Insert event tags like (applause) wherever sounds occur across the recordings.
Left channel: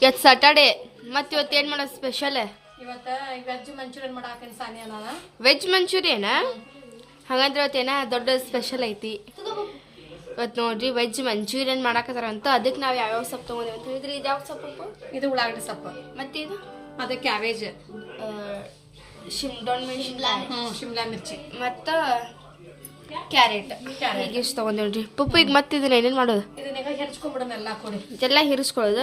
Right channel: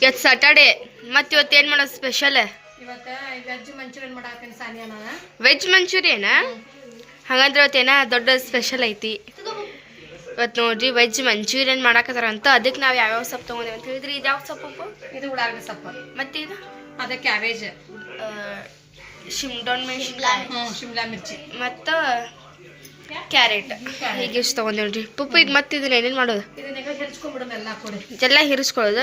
ಇವತ್ತು ಸಾಟರ್ಡೆ ಮತ್ತೆ ಇವತ್ತು ಏನು ಮಾಡೋದು ಸ್ಪೆಷಲ್ ಇವತ್ತ ವೆಜ್ ಮಂಚೂರಿಯನ್ ಮಾಡಾಕೇನಿ ಸಾನಿಯಾನ ವೆಜ್ ಮಂಚೂರಿಯನಾ ಹಾಗಂದ್ರೆ ಇವತ್ತೇನ ದೊಡ್ಡ ಸ್ಪೆಷಲ್ ಐತಿ. ಇವತ್ತು ನೋಡ್ರಿ ವೆಜ್ ಮಂಚೂರಿಯನ್ ಮಾಡಾಕತ್ತಾರ ಅಂತ. ಅದಕ್ಕೆ ನಾವು ಯಾವ್ಯಾವ ಸೊಪ್ಪು ತೊಗೊಂಡೇವೆ ಅಂತ ಹೇಳಿದ್ರಿ. ಇದು ಯಾವ ಸೊಪ್ಪು ಇದು ಉಳ್ಳಾಗಡ್ಡಿ ಸೊಪ್ಪು. ಮತ್ತೆ ಇದು? ಅದಕ್ಕೆ ಕ್ಯಾಬೇಜ್ ಶಿಮ್ಡೋನ್ ಮೆಣಸಿನ್ಕಾಯಿ. ಶಿಮ್ಲಾ ಮಿರ್ಚಿ. ಮತ್ತು ಕ್ಯಾರೆಟ್. ಹೀಗೆ ಇಷ್ಟು ತೊಗೊಂಡೇವ್ರಿ. ಪುಪ್ಪು ಈಗ ಮತ್ತೆ ಇದನ್ನ ಏನೇನು ಮಾಡೋದು? ಎಲ್ಲ ಹಿರಿಸ್ಕೊಳ್ಳೋದು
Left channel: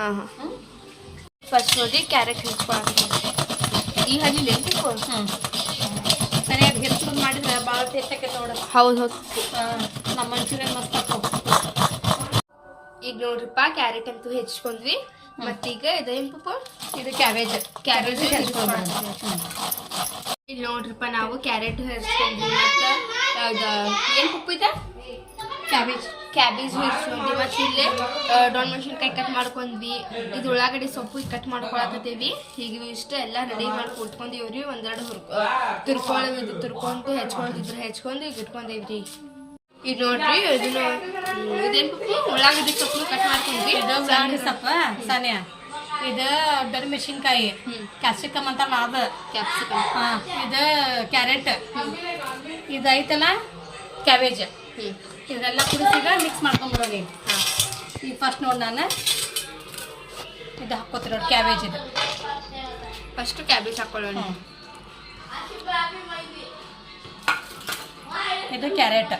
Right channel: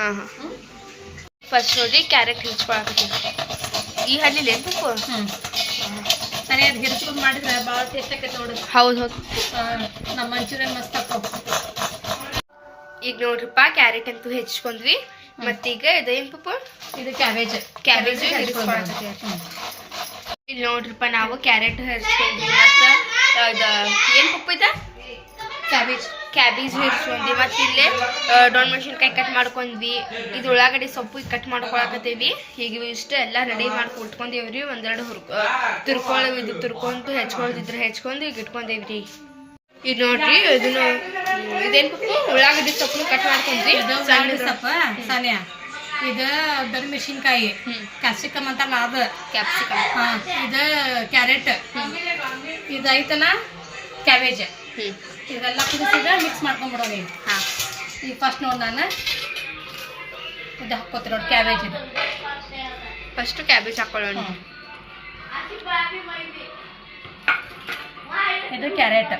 ಹಾಂ ಹಾಂ. ಫಸ್ಟ್ ನೋಡಿ ಕ್ಯಾರೆಟ್ ಹಿರಿಸ್ಕೊಳಕ್ಕೆ ಈ ಏನು ಪುಪ್ಪು? ಮಾಡಿದ್ರೆ ಭಾಳ ಟೇಸ್ಟ್ ಆಕೈತೆ ನೋಡು. ಹೌದು ಹೌದು. ನಮ್ಮ ಮಂಚೂರಿಯನ್ ಮಸ್ತ್ ಹಾಕೋ ಈಗ ನೋಡ್ರಿಪ್ಪ ಕ್ಯಾರೆಟ್ ಅಂತೂ ಹೆಚ್ಚಿಕೊಂಡ್ವಿ ಮತ್ತೀಗ ಇದೇನ್ ಪುಪ್ಪು? ಇದು ಕ್ಯಾಬೇಜ್. ಕ್ಯಾಬೇಜ್ ಇಲ್ಲಿ ನೋಡ್ರಿಪ್ಪ ನಾವು ಕ್ಯಾರೆಟ್ ಹರಿಸ್ಕೊಂಡ್ವಿ ಮತ್ತು ಅದು ಏನು ಪಪ್ಪು ಇದೆ? ಕ್ಯಾಬೇಜ್. ಕ್ಯಾಬೇಜ್ ಹರಿಸ್ಕೊಂಡ್ವಿ ಮತ್ತು ಇಲ್ಲಿ ಡೊಣ್ ಮೆಣಸಿನ್ಕಾಯಿ ಕಟ್ ಮಾಡ್ಕೊಂಡ್ವಿ. ಇದು ಉಳ್ಳಾಗಡ್ಡಿ ಸೊಪ್ಪು ಕಟ್ ಮಾಡ್ಕೊಳಕತ್ತೀವಿ. ಹೀಗೆ ಇಷ್ಟು ಎಲ್ಲ ರೆಡಿ ಮಾಡಿ ಕೊಟ್ಕೊಂಡೇವ್ರಿ ಒಂದೆರಡು ಹುರ್ಕೊ ತುರ್ಕೊಳ್ಳೋ ಇದು ತುರ್ಕೊಂಡು ಹೆಚ್ಕೊಳ್ತಿದ್ರೆ ಹೆಚ್ಕೊಂಡು ಈಗ ಇಟ್ಕೊಂಡೇವ್ರಿ ಇದು ನೋಡ್ರಿ ಇದನ್ನು ಇದೇನು ಪಪ್ಪು? ಉಳ್ಳಾಗಡ್ಡಿ ಸೊಪ್ಪು ಕಟ್ ಮಾಡ್ಕೊಂಡ್ವಿ ಸಣ್ಣ ಉಳ್ಳಾಗಡ್ಡಿ ಸೊಪ್ಪ? ಸಾನಿಯಾ? ಇದು ಬರೀ ಮೆಣಸಿನ್ಕಾಯಿ. ಕ್ಯಾಪ್ಸಿಕಮ್ ಅಂತಲ್ಲ ಅದು. ಕ್ಯಾಪ್ಸಿಕಮ್ ಹಾ ಇದು ಕ್ಯಾರೆಟ್ ಇದು ಐತಲ್ಲ ಕ್ಯಾಬೇಜ್ ಹ್ಞೂ ಇದೆಲ್ಲ ಕುದಿಸಿದ ಮಿಕ್ಸ್ ಮಾಡ್ಕೊಂಡ್ಬಿಡೋದು ಈಗ. ಹಾಂ. ಈಗ ಫಸ್ಟ್ ನೋಡಿ ನಾನು. ಇದು ಹಾಕ್ಕೋತೀನಿ ನೋಡಿ ಕ್ಯಾಬೇಜ್ ಇದು. ಫಸ್ಟ್ ಕ್ಯಾಬೇಜ್ ಹಾಕೊಳ್ಳೋಣ. ಇದು ಕ್ಯಾರೆಟ್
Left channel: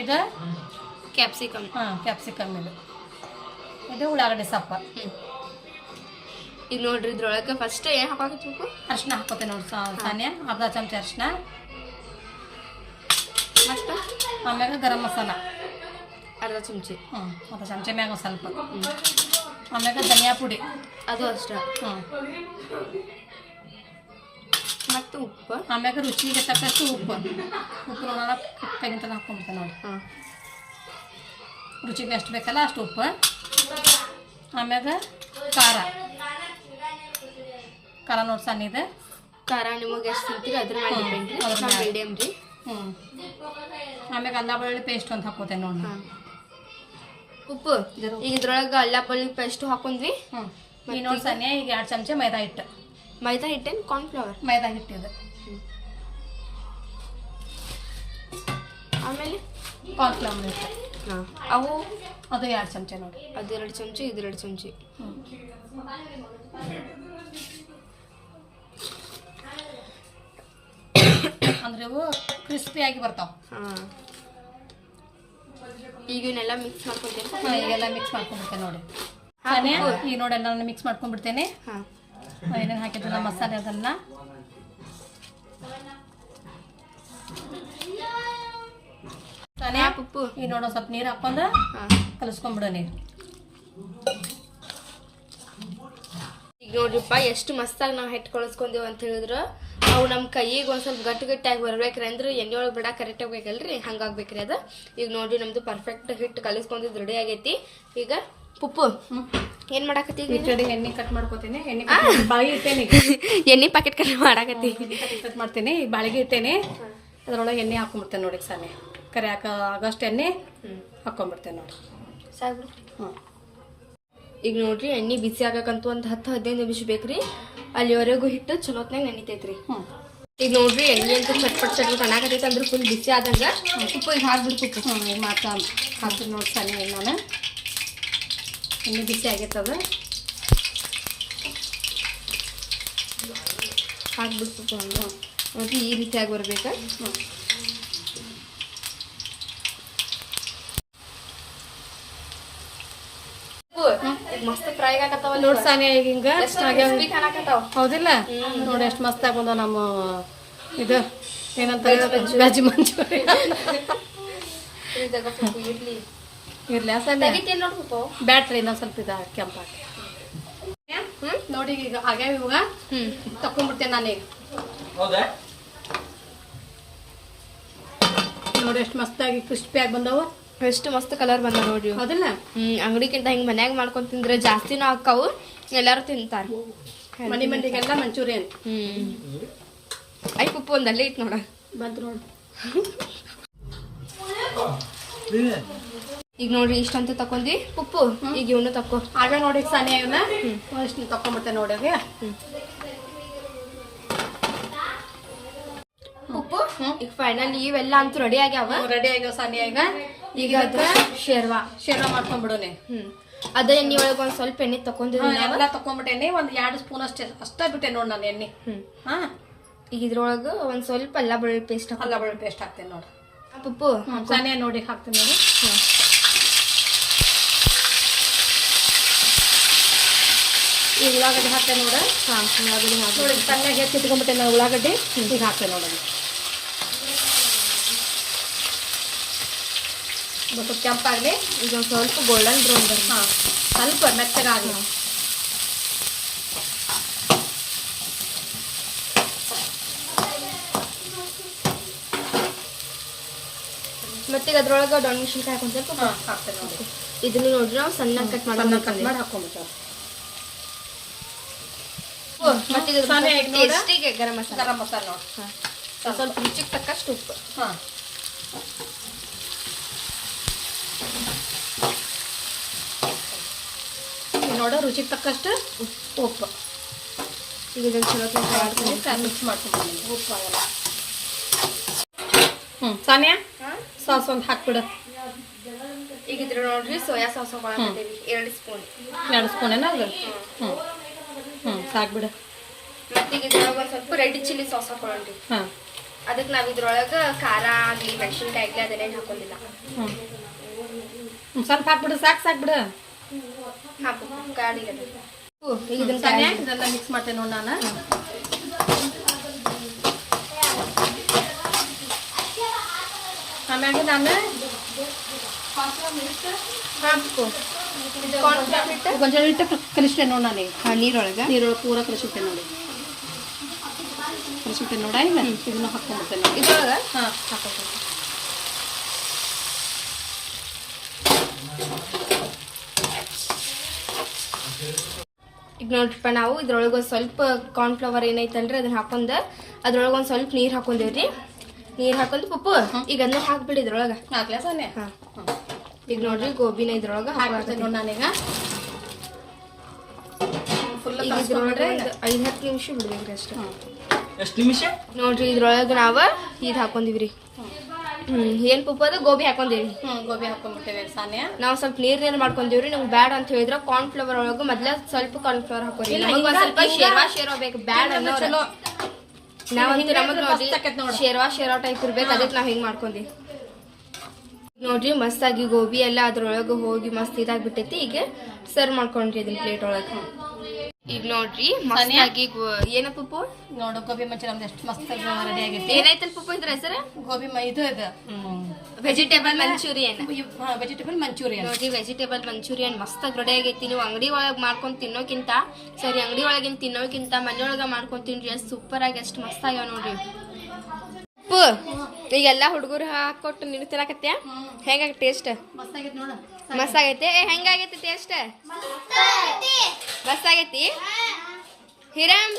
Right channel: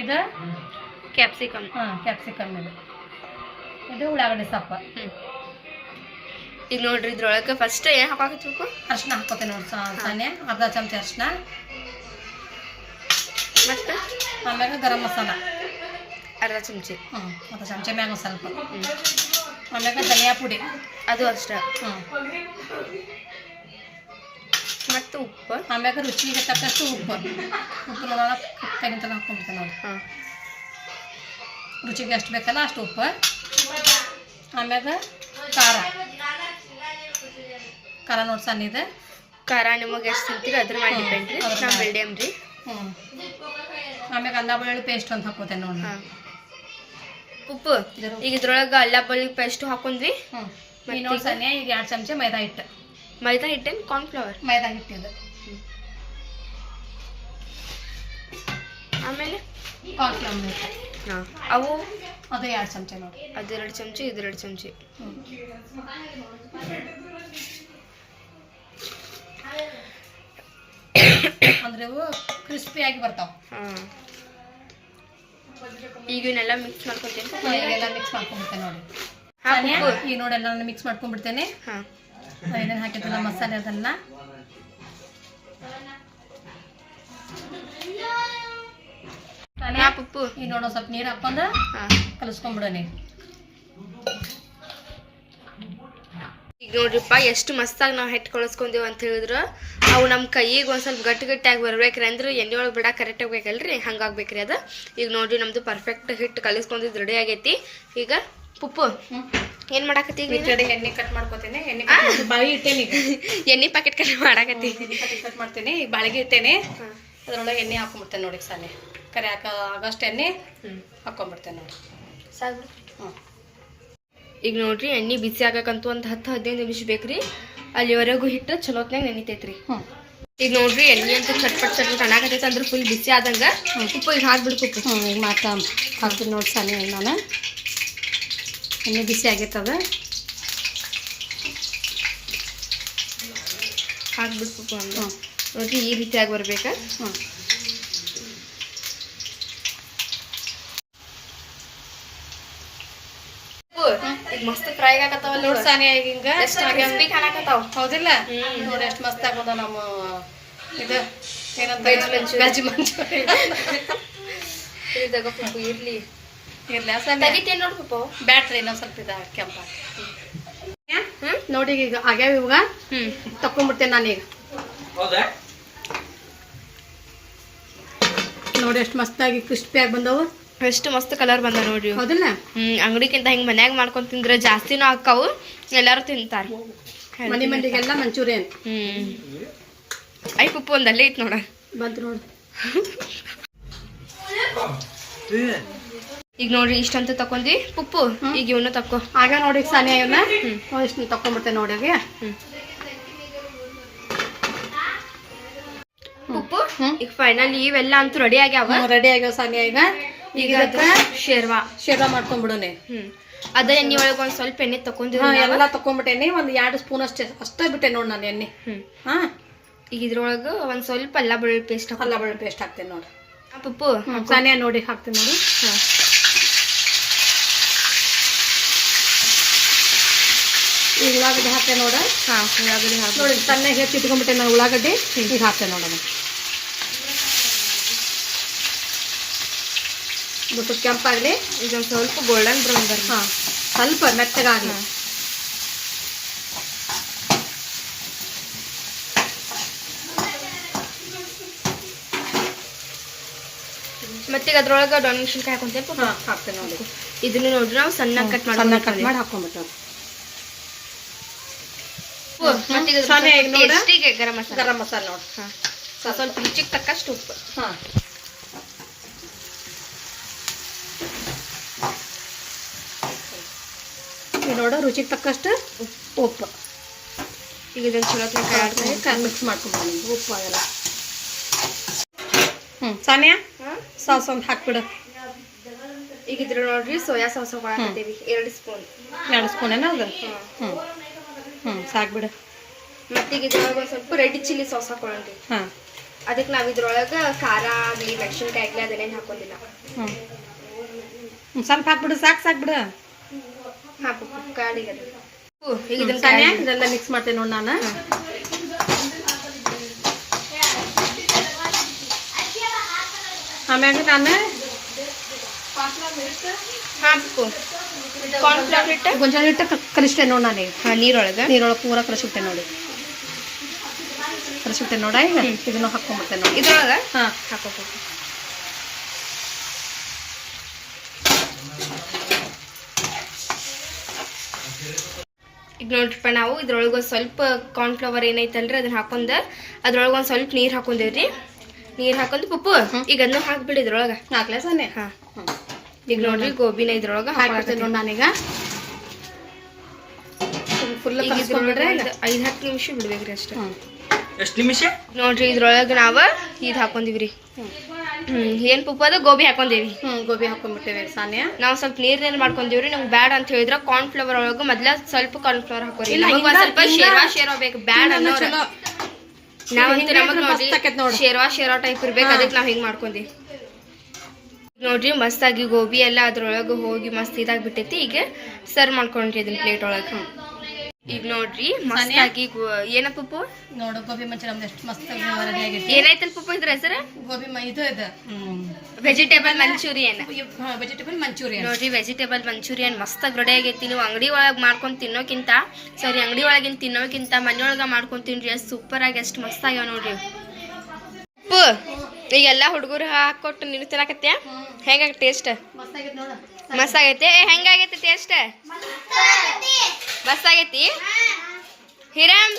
ಇದು ಕ್ಯಾಪ್ಸಿಕಮ್. ಹಾಂ ಕ್ಯಾಪ್ಸಿಕಮ್ ಇದು. ಇದು ಉಳ್ಳಾಗಡ್ಡಿ ಸೊಪ್ಪು. ಹ್ಞೂ ಈಗ ನೋಡ್ರಿ ಇದ್ರೊಳಗೆ ಫಸ್ಟ್ ಏನು ಹಾಕಾಕತ್ಬೇಕು ಅರ್ಶಿನ ಹಾಕೋತೇನೆ ನೋಡಿ ಸಾನೆ ಅರ್ಧ ಚಮಚ ಅರ್ಶಿನ ಮತ್ತು? ಆಮ್ಯಾಗ ಗರಂ ಮಸಾಲ. ಅರ್ಧ ಚಮಚ. ಹ್ಞೂ ಅರ್ಧ ಚಮಚ ಮ್ಯಾಗ ಸ್ವಲ್ಪ. ಆಮೇಲೆ ಆಮ್ಯಾಗ ಧನಿಯಾ ಪುಡಿ. ಅದು ಅಷ್ಟೇ. ಹ್ಞೂ ಮತ್ತು ಉಪ್ಪು? ಆಮ್ಯಾಗ ರುಚಿಗೆ ತಕ್ಕಷ್ಟು ಉಪ್ಪು. ಉಪ್ಪು ನೋಡೋಣ ತೆಗಿತಾನೆ ಹಾಕ್ಕೊಂಬಿಡ್ತೇನೆ ನೋಡಿ. ಹಾಂ. ರುಚಿಗೆ ಎಷ್ಟು ಬೇಕಲ್ಲ ಅಷ್ಟು ಉಪ್ಪು ಆಮ್ಯಾಗ ಖಾರ. ಖಾರ ನೋಡಿ ಸಣ್ಣ ಇದೆ ಖಾರ ನಿಮಗೆ ಎಷ್ಟು ತಿಂತೀರಿ ಅದ್ರ ಮೇಲೆ ಡಿಪೆಂಡ್ ರೀ. ನಾವು ಮೀಡಿಯಮ್ ರೀ. ಹ್ಞೂ ಆಮ್ಯಾಗ ಅಲ್ಲ ಬೆಳ್ಳುಳ್ಳಿ ಪೇಸ್ಟ್ ಅಂತ ಹಾಕೋತೇನೆ ನೋಡಿ ಉಪ್ಪು ಈಗ ಇದ್ರೊಳಗೆ ಅಲ್ಲ ಬೆಳ್ಳುಳ್ಳಿ ಪೇಸ್ಟ್ ಹಾಕೊಂಡ್ವಿ. ಹ್ಞೂ ನೋಡಿ? ಸಣ್ಣ ಈಗ ಎರಡು ಚಮಚ ಮೈದಾ ಹಿಟ್ಟು. ಮೈದಾ ಹಿಟ್ಟೇನು ಕಾರ್ನ್ಫ್ಲವರ್ ಮೈದಾ ಹಿಟ್ಟಿದೆ ಆಮೇಲೆ? ಕಾರ್ನ್ಫ್ಲವರ್ ಹಿಟ್ಟು ಹಾಂ. ಅವು? ಅದು ಎರಡು ಚಮಚ ನೋಡಿ. ಅದೆರಡು ಚಮಚಿ ಇದೆರಡು ಚಮಚಿ. ಹ್ಞೂ ಅಂದ್ರೆ ಇವು ಕ್ರಿಸ್ಪಿಯಾಗಿ ಬರ್ತಾವ. ಹಾಂ. ಈಗ ಇವನ್ನೆಲ್ಲ ಮಿಕ್ಸ್ ಮಾಡ್ಕೊತೀನಿ. ಎಲ್ಲ ಮಿಕ್ಸ್ ಮಾಡ್ಕೊಂಡ್ಬಿಡ್ತೇನೆ ನೋಡಿ. ಈಗ ನೋಡಿ ಎಲ್ಲ ಮಿಕ್ಸ್ ಮಾಡ್ಕೊಂಡ್ಬಿಡ್ತೇನೆ. ಹಾಂ. ಏನೇನು ಹಾಕಿದ್ರಲ್ಲ ಮಸಾಲೆ ಅದೆಲ್ಲ. ಉಪ್ಪು ಈಗ ನೋಡೋ ಸ್ವಲ್ಪ ನೀರು ಹಾಕೊಂಡ ಹಾಂ. ಕಲಿಸ್ಕೊಂಡ್ಬಿಡೋ ನೀರು. ಈಗ ನೋಡ್ರಿಪ್ಪ ಎಷ್ಟು ಮಸ್ತಾಗಿ ನಾವು ಹೆಟ್ಟು ಕಳಿಸ್ಕೊಂಡೇವು ಅಂತ ಹೇಳಿದ್ರು. ಅವು ನಮ್ಮ ಕೈಗೆ ಒಂದು ಸ್ವಲ್ಪ ಗಟ್ಟಿ ಗಟ್ಟಿಯಾಗಿ ಬರ್ಬೇಕ್ರಿ ಅಂದ್ರೆ ಎಣ್ಣೆ ಒಳಗೆ ಬಿಡ ಕರೆಕ್ಟ್ ಆಗ್ಬೇಕಲ್ರಿ ಹಂಗಾಗ್ಬೇಕ್ರಿ ಅದು. ಈಗ ನೋಡ್ರಿ ನಮ್ದು ಪರ್ಫೆಕ್ಟ್ ಹಿಟ್ಟು ಕಲಿಸ್ಕೊಂಡಿದ್ದು ರೆಡಿ ಆಗೈತಿ. ಈಗ ಪುಪ್ಪು. ಏನು ಮಾಡಾಕತ್ತಿ ಈ ಕಡೆ ಎಣ್ಣೆ ಕಟ್ ಮಾಡ್ಕೋತೀನಿ. ಎಣ್ಣೆ ಇಟ್ಟೇನಿ (laughs) ಎಣ್ಣೆ ಪ್ಯಾಕೆಟ್ ಕಟ್ ಮಾಡಾಕತ್ತಿ. ಕಟ್ ಕಟ್ ಮಾಡ್ತೀನಿ. ಬಾಳಿಗೆ ಇಟ್ಟೇನೆ. ಅದ್ರೊಳಗೆ ಎಣ್ಣೆ ಹಾಕೊಂಡ್ಬಿಡ್ತೇನೆ ನೋಡಿ ಸಾನೆ. ಕರೆ ಹಾಕ ಆಗಷ್ಟು ಎಣ್ಣೆ ಹಾಕೊಂಡ್ಬಿಡ್ತೇನೆ ನೋಡಿ. ಸಾಕು. ಹ್ಞೂ ಈಗ ನೋಡ್ರಿ ಎಣ್ಣೆ ಬಿಸಿ ಆಗಕ್ಕಂತೂ ಒಂದು ಹತ್ತು ಹದಿನೈದು ನಿಮಿಷ ಬೇಕ್ರಿ. ಅಲ್ಲಿವರೆಗೂ ಹಿಟ್ಟು ಚಲೋತ್ನಾಗ ನೆನಿತೈತ್ರಿ. ಹ್ಞೂ ಈಗ ನೋಡ್ರಿ ಎಣ್ಣೆ ಅಂತೂ ಚಟ್ಪಟ್ ಚಟ್ಪಟ್ ಅನ್ನಾಕತೈತೆ ಅಂದ್ರೆ ಫುಲ್ ಬಿಸಿ ಆದಂಗ. ಉಪ್ಪು ಈಗ ಹಾಕ್ಬಿಡ್ತು ಉಪ್ಪು. ಹ್ಞೂ ಈಗ ಮಾತಾ ಹಾಕಿ ನೋಡಿ ಸಣ್ಣ ನಾನು. ಎಣ್ಣೆ ಬಿಸಿ ಆಗೈತದ. ಹಾಕ್ಬಿಡ್ಬೇಕು ಅಂದ್ರೆ. ನೋಡ್ರಿ ಈ ರೀತಿಯಾಗಿ ಬರ್ಬೇಕಾ. ಹ್ಞೂ ಈಗ ಮಸ್ತ್ ಫ್ರೈ ಆಗತ್ತಾವ ನೋಡಿ ಸಾನಿ ಈಗ ಹಿಂಗೆ. ಕಾಣಕತ್ತಾವ. ಹೌದಿಲ್ಲ? ನೋಡಿ ಎಷ್ಟು ಮಸ್ತ್ ಆಗೋದ ನಮ್ಮ ಇದು ಏನಂತ ವೆಜ್ ಮಂಚೂರಿ. ಇರ್ಲಿ. ಇರ್ಲಿ ತೆಗಿತೇನೆ ನೋಡಿ ಬ್ಯಾಟ್ರಿ ಇನ್ನೊಂದು ಸ್ವಲ್ಪ ಇದು ಕೆಂಪ ನೋಡಿ ಈಗ ಆಗ್ಯಾವ ಇವಾಗ? ಹ್ಮ್. ತಕೊಂಡ್ಬಿಡ್ತೇನೆ ನಾನೀಗ. ನೋಡಿ ಎಷ್ಟು ಮಸ್ತಾಗಿ ಕ್ರಿಸ್ಪಿಯಾಗಿ ಬಂದವು. ಎಷ್ಟು ಮಸ್ತ್ ಕಲರ್ ಬಂದ ನೋಡ್ರಿ. ಹ್ಮ್ ಅಂಗಡಿಗಿಂತ ಹಿಂಗ್ ಮನ್ಯಾಗ ಮಾಡ್ಕೊಂಡ್ ತಿಂದ್ರೆ ಜಾಸ್ತಿನೂ ಹಾಕಾವು ಎಲ್ಲಾರು ತಿಂತಾರ. ಹ್ಮ್. ಐ ಪುಪ್ಪು ಒಂದ್ ಅಲ್ಲೇ ಐತ್ ನೋಡ. ಈಗ ನೋಡ್ರಿ ಇಷ್ಟಂತ ತಕೊಂಡಿ. ಪುಪ್ಪು ಈಗ ಇವನು ತಕೋ. ಆಗ ನೋಡಿ ಇಷ್ಟು ತಕೊಂಡ್ಬಿಡ್ತೇನೆ ನೋಡಿ. ಪುಪ್ಪು ಈಗ ಫೈನಲ್ ಇವೆಲ್ಲ ಅಂತೂ ರೆಡಿ ಆಗ್ಯಾವ? ರೆಡಿ ಆಗ್ಯಾವ ಸಾನಿಯ ಈಗ ಅದ್ರ ಶೇರ್ವಾ. ಶೇರ್ವ ಮಾಡ್ಕೊಂಡ್ಬಿಡೋನೆ ಹ್ಮ್. ಅದ ಎಣ್ಣೆ ಒಳಗೆ ಒಂದ್ ಸ್ವಲ್ಪ ಎಣ್ಣೆ ತಕೊಂಡಿದ್ವಿ ಹಾ ಎಲ್ಲ ತಕೊಂಡ್ಬಿಟ್ಟೇನಿ ಒಂದ್ ಎರಡು ಸ್ಪೂನ್ ಅಷ್ಟೇ. ಅಷ್ಟೇ ಬಿಟ್ಟೆ ನೋಡಿ ನಾನು ಎಣ್ಣೆ. ಹ್ಮ್. ಹಾ. ಈಗ ಇದ್ರೊಳಗ ಒಂದ್ ಸ್ವಲ್ಪ ಅಲ್ಲ ಬೆಳ್ಳುಳ್ಳಿ ಪೇಸ್ಟ್ ಅಲ್ಲ ಬೆಳ್ಳುಳ್ಳಿ ಪೇಸ್ಟ್ ಹಾಕ್ತೇನೆ ನೋಡಿ. ಪಪ್ಪು ಸಾನಿಯಾ ನೋಡಿ ಹಾಕ್ತೀನಿ ನೋಡಿ. ಉಳ್ಳಾಗಡ್ಡೆ ಈ ಉಳ್ಳಾಗಡ್ಡಿ ಹಾಕ್ತೇನೆ ನೋಡ. ಹಾ ಉಳ್ಳಾಗಡ್ಡಿ ಹಾಕಿ. ನೋಡಿ ತಣ್ಣಗೆ ಹೆಚ್ಚಿಟ್ಕೊಂಡ್ಬಿಟ್ಟೆ ನಾನು ಉಳ್ಳಾಗಡ್ಡಿ. ಈಗ ಹಾಕ್ತೇನೆ ನೋಡೋಣ ಬಿಟ್ಟು ಕೆಂಪಾಗಲಿ ಈಗ ಒಂದು ಸ್ವಲ್ಪ ಗೋಲ್ಡನ್ ಬ್ರೌನ್ ಬರ್ ಹಾಂ ಸ್ವಲ್ಪ ಮೆತ್ತಗಾಗಲಿ. ಮತ್ತೆ ಈಗ ಅದ್ರೊಳಗ ಡೊಣ್ ಮೆಣಸಿನ್ಕಾಯಿ ಹಾಕೊಂತೇವೆ ಪುಪ್ಪು ಹಾಂ ಹಾಕ್ತೇನೆ ನೋಡಿ. ಇದನ್ನ ನೋಡ್ರಿ ನಾವು ಸಣ್ಣ ಕಟ್ ಸಣ್ಣ ಕಟ್ ಮಾಡಿ ಮಾಡಿ ಹಾಕೊಂಡ್ಬಿಟ್ಟು ಮತ್ತೆ ಗರಂ ಮಸಾಲ. ಗರಂ ಮಸಾಲೆ ನೋಡಿ. ಸ್ವಲ್ಪ ರುಚಿಗೆ ತಕ್ಕಷ್ಟು ಉಪ್ಪು. ಹಾಂ. ನೋಡು ರುಚಿಗೆ ತಕ್ಕಷ್ಟು ಉಪ್ಪು. ಈಗ ಇದನ್ನು ಚಲೋ ಕೈ ಆಡ್ತೀನಿ ಮಿಕ್ಸ್ ಮಾಡ್ಕೊಂಡು ಉಪ್ಪು ಆಗಲ್ಲ ಹ್ಞೂ ಸಾನಿಯಾ? ಸಾಸ್ ಒಂದು ಹಾಕ್ಬಿಡು. ಈಗ ಇದ್ರ ನೋಡ್ರಿ ಸೋಯಾ ಸಾಸ್ ಎರಡು ಸ್ಪೂನ್. ಎರಡು ಸ್ಪೂನ್ ಏನೋ ಅದು ಹ್ಞೂ ಹ್ಞೂ ಸಾಕ್ಬಿಡು. ಮತ್ತೆ ಈಗ ಇದ್ರೊಳಗ ಸ್ವಲ್ಪ ರೆಡ್ ಚಿಲ್ಲಿ ಸಾಸ್ ಹಾಕೊಳ್ಳಿ ಹಾಂ. ಅದಕ್ಕೆ ನಾವು ಇದ್ರೊಳಗೆ ಖಾರ ಆಗಲಿ ಮೆಣಸಿನ್ಕಾಯಿ ಆಗಲಿ ಅದನ್ನೇನು ಹಾಕೊಂಡಿಲ್ಲ. ಹ್ಞೂ ಹ್ಞೂ ಸ್ವಲ್ಪ ಹಾಕ್ಬಿಡು ಸಾಕು ಸಾಕ್ಬಿಡು. ಹಾ ಕಾಡಿ ಈಗ ಇದನ್ನ ಇದೆಲ್ಲ ಮಿಕ್ಸ್ ಮಾಡ್ತೇನೆ ನೋಡಿ ನಾನು ಆಮ್ಯಾಗ ನಾನು ಹಾ ಪುಕ್ಕು ಕಾರ್ನ್ಫ್ಲವರ್ ಹಿಟ್ಟ ಗೊಂಜಾಳ ಹಿಟ್ಟು ಕಲಿಸ್ತೇನೆ ನೋಡಿ ನಾನು ಹಾಂ ನೀರೊಳಗೆ ನೀರೊಳಗೆ ಪೂರ ಕಲಿಸುತ್ತೆ ನೋಡಿ ಕಲಿಸುತ್ತೆ ನೋಡ ಈಗ ಇದನ್ನು ಹಾಕೊಂಡ್ಬಿಡ್ತೇನೆ ಇದ್ರೊಳಗ ಹಾಂ ಹಾಕೋಬೇಕು ಈಗ ನೋಡ್ರಿಪ್ಪ ನಾವು ಇದ್ರೊಳಗೆ ಒಂದು ಸ್ವಲ್ಪ ಕಾರ್ನ್ಫ್ಲವರ್ ಏನೈತಲ್ರಿ ಅದನ್ನ ಹಾಕೊಂಡ ಅದ್ರೊಳಗೆ ಒಂದು ಸ್ವಲ್ಪ ನೀರು ಹಾಕೊಂಡೇವ್ರಿ. ನೀರು ಹಾಕೊಂಡು ಪುಪ್ಪು ಈಗ ಅದನ್ನ ಹಾಕ್ಬಿಡಿ ಇದ್ರೊಳಗೆ. ಹಾಂ. ಈಗ ನೋಡ್ರಿ ಗೋಬಿನ ಇದ್ರೊಳಗೆ ನೋಡಿ ನಾನೀಗ. ಈಗ ಇದ್ರೊಳಗೆ ಐದು ಹತ್ತು ನಿಮಿಷ ಬಿಡ್ಬೇಕ್ರಿ ಅಷ್ಟೇ. ಎಷ್ಟು ನಿಮಿಷ? ನೋಡ್ರಿ ಇದ್ರೊಳಗೆ ನಾವು ಇದು ಹಾಕೊಂಡಿವ್ರಿ. ಹ್ಞೂ ಏನು ಪಪ್ಪು ಅದು? ಗೋಬಿ ಹಾಕೊಂಡೇವಿ. ಗೋಬಿ ಹಾಕೊಂಡ್ಬಿಟ್ಟೇವೆ ಸಾನ್ಯ. ನಾವು ಸ್ವಲ್ಪ ನೀರ್ನೇನು ಮಾಡ್ಕೊಂಡೇವ್ರಿ ನಮ್ಗೆ ಬ್ಯಾಡ ಅಂತ ಹೇಳಿದ್ರೆ ಕಾರ್ನ್ ಫ್ಲವರ್ ಒಳಗ ಮೊದ್ಲ ಸ್ವಲ್ಪ ಕಾರ್ನ್ ಫ್ಲವರ್ ಹಾಕೋರಿ ನಮಗ್ ಒಂದ್ ಸ್ವಲ್ಪ ಶೇರ್ವಾ ಶೇರ್ವಾ ಬೇಕು ಬ್ಯಾಡ್ ಅನ್ನೋರು. ನಾವಂತೂ ನಮಗ್ ನೋಡ್ರಿ. ಶೇರ್ವಾ ಶೇರ್ವಾ ಟೈಪ್ ಇರ್ಬೇಕು ಅದಕ್ಕೆ ನಾವ್ ಹಿಂಗ್ ಮಾಡ್ಕೊಂಡಿ. ನೋಡ್ರಿ ಮಸ್ತಾಗಿ ಗೋಬಿ ಎಲ್ಲ ಅದ್ರೊಳಗೆ ಹೋಗಿ ಮಸ್ತ್ ಇದಾಗ್ಬಿಟ್ಟೈತಿ ಈಗ ಸರ್ವ್ ಮಾಡ್ಕೊಂಡ್ರಿ ಅದನ್ನ ಪ್ಲೇಟ್ ಒಳಗೆ. ಈಗ ನೋಡ್ರಿ ಮಸ್ತಾಗಿ ಏನ ಪಪ್ಪು? ನೋಡು ಗೋಬಿ ಮಂಚೂರಿ ನಮ್ದು ಎಷ್ಟು ಮಸ್ತ್ ರೆಡಿ ಆಗೈತಿ ಏನಾಯ್ತಲ್ ಪಪ್ಪು ಇದ್ರ ಸರ್ ಗೋಬಿ ಮ- ಇದು ಇದೆ. ವೆಜಿಟೇಬಲ್ ಮಂಚೂರಿಯನ್ ವೆಜಿಟೇಬಲ್ ಮಂಚೂರಿಯನ್ ನೋಡ್ರಿ ವೆಜಿಟೇಬಲ್ ಮಂಚೂರಿಯನ್ ಮಸ್ತಾಗಿ ರೆಡಿ ಆಗೈತಿ. ನೀವು ಅಂಗಡಿ ಒಳಗೆ ಮಾಡ್ಕೊಂಡು ತಿನ್ನೋಕ್ಕಿಂತ ಸರಿ ಅಂಗಡಿ ಒಳಗಿನ ತಿನ್ನೋಕ್ಕಿಂತ ಮನೆಯೊಳಗೆ ಮಾಡ್ಕೊಂಡು ತಿನ್ರಿ ಅಷ್ಟು ಸೂಪರ್ ಆಗಿ ಎಷ್ಟು ಮಸ್ತ್ ಆಗ್ಯಾವ ನೋಡ್ರಿ. ಉಪ್ಪು ಈಗೆಲ್ಲ ಹುಡುಗರು ಹಾಕೊಟ್ಟು ನೀನು ತಿನ್ನಕತ್ಯ ಹೆಂಗಾಗ ಟೇಸ್ಟ್ ಮಸ್ತ್ ಆಗೈತಿ ನೋಡು. ಮಸ್ತ್ ಆಗೈತಿ ಏ ಹೆಂಗಾಗೈತಿ ಟೇಸ್ಟ್ ಮಸ್ತ್ ಆಗೈತಿ? ಹಿರಮ್